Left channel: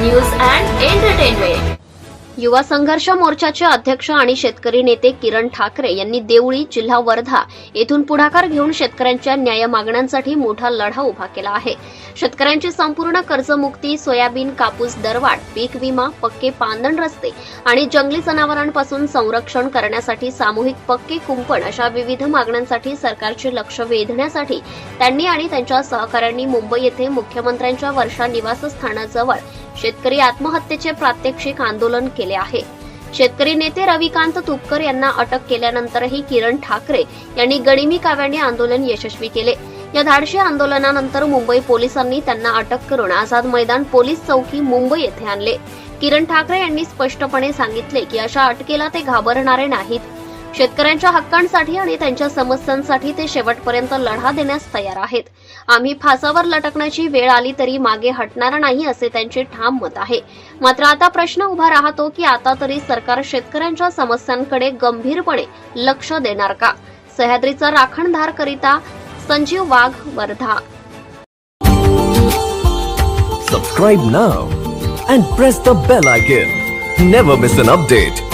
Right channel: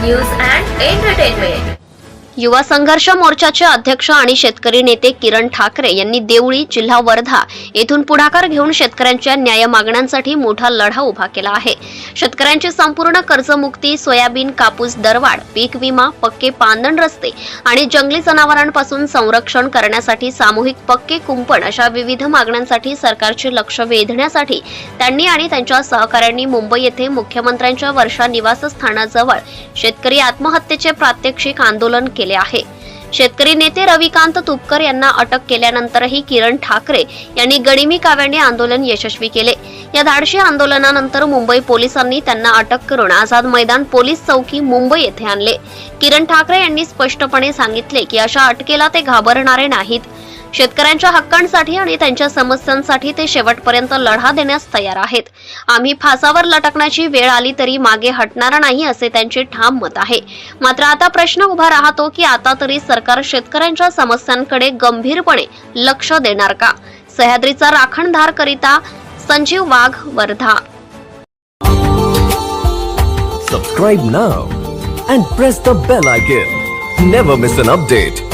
news and entertainment. युवा संघर्ष मोर्चाचे अध्यक्ष आणि शेतकरी नेते किरण ठाकरे यांनी देवळी जिल्हा वर्धा येथून पुढाकार घेऊन शेतकऱ्यांच्या न्याय मागण्यांसाठी मोठा लढा उभा केला आहे. शेतकऱ्यांची संपूर्ण कर्जमुक्ती सोयाबीन कापूस दरवाढ पीक विमा पक्के पांदण रस्ते आणि जंगली जनावरांपासून संरक्षण करण्यासाठी सामूहिक पक्के कुंपण अशा विविध मागण्यांसाठी सरकारचे लक्ष वेधण्यासाठी त्यांनी आणि त्यांच्या सहकाऱ्यांनी मुंबई येथे मुख्यमंत्र्यांच्या वर्षा निवासस्थानाजवळ शेतकरी आत्महत्येचे प्रात्यक्षिक आंदोलन केले. आहे. शेतकरी नेते रविकांत तुपकर यांना अटक केल्यानंतरही किरण ठाकरे यांनी गडिमी काव्याने आंदोलन यशस्वी केले. या धाडशी आंदोलनानंतर मुंबई पोलिसांनी त्यांना अटक करून आझाद मैदान पोलीस चौकी मुंबई येथे आणले. किरण ठाकरे यांनी स्पष्टपणे सांगितले की अशा अटकेला ते घाबरणारे नाहीत. शेतकऱ्यांच्या हक्कांसाठी आणि त्यांच्या समस्यांसाठी ते शेवटपर्यंत लढा देण्यास तयार आहेत आम्ही फासावर लटकण्याची वेळ आली तरी मागे हटणार नाही असे त्यांचे ठाम मत आहे मात्र आता प्रश्न उभा राहतो की आता तरी सरकार शेतकऱ्यांच्या समस्यांकडे गंभीरपणे लक्ष देणार का सह्याद्रीचा राखणधार करिता संजीव वाघ Wardha Subscribe now and press the bell icon. Never miss an update.